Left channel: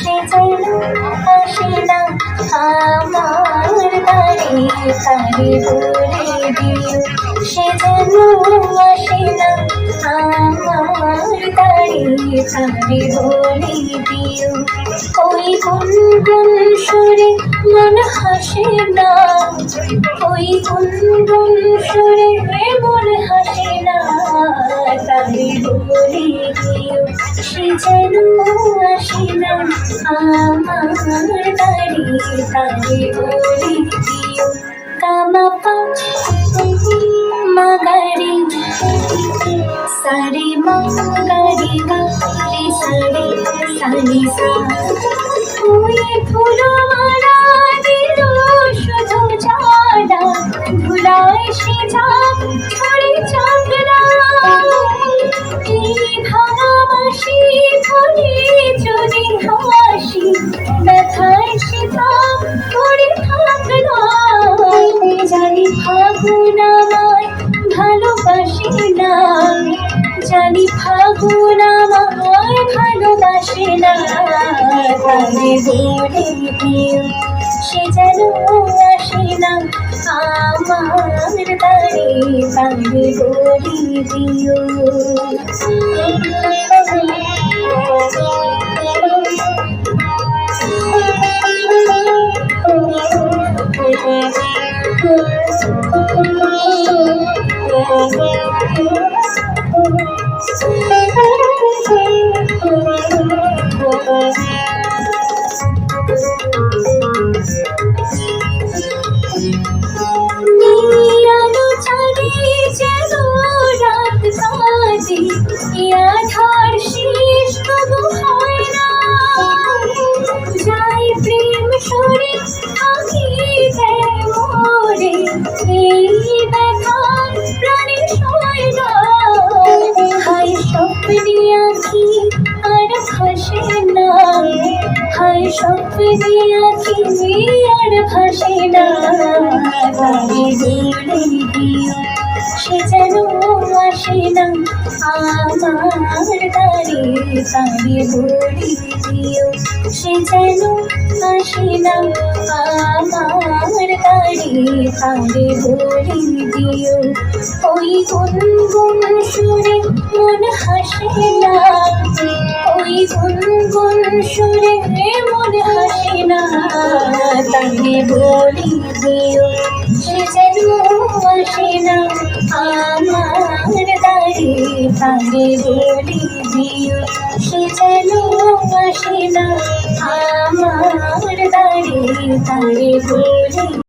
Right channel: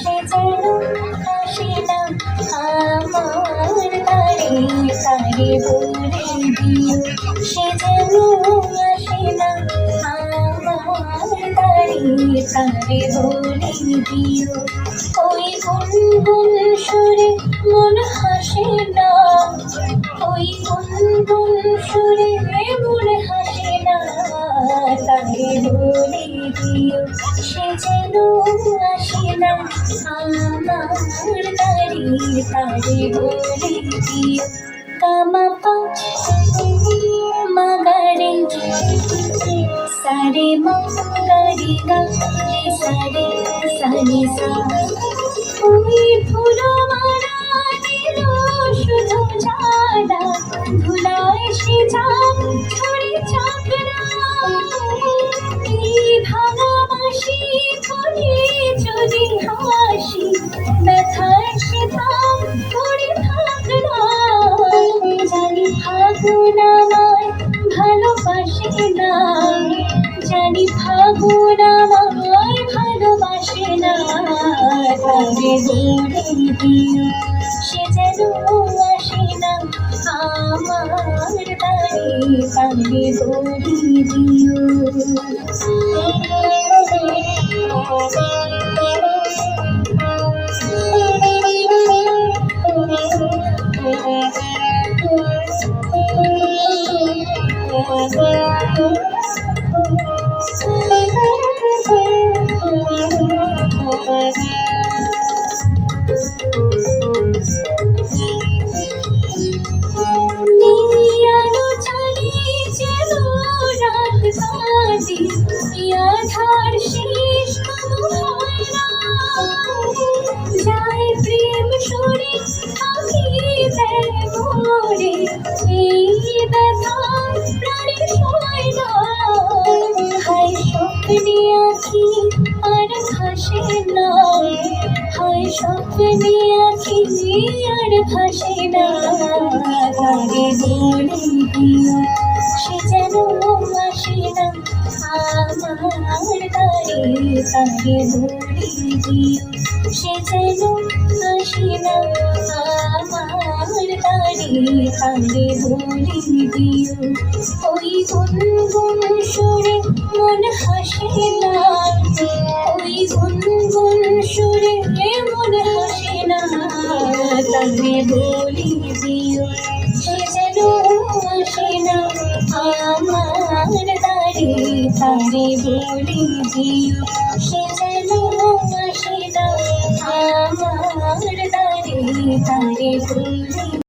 সে যেন আসে না আমার তারে তারে বলে দিও সে যেন আসে না আমার তারে তারে বলে সুরে মন হাসে না ওই গুনগুন সুরে যেন আসে না আমার তারে তারে বলে দিও। কামাপা মাগারে সারে মাগারে গারে সারে সানি সা জানি ফাগুন আমায় ভালোবাসে না। বলে দিও সে যেন আসে না। আমার তারে তারে বলে দিও হায় না তারে বলে দিও সে যেন আসে না আমার তারে তারে বলে সে যেন আসে না আমার তারে তারে বলে দিও ওই গুনগুন সুরে মন হাসে তারে বলে দিও, সে যেন আসে না। আমার তারে তারে বলে দিও, সে যেন আসে না। আমার তারে তারে বলে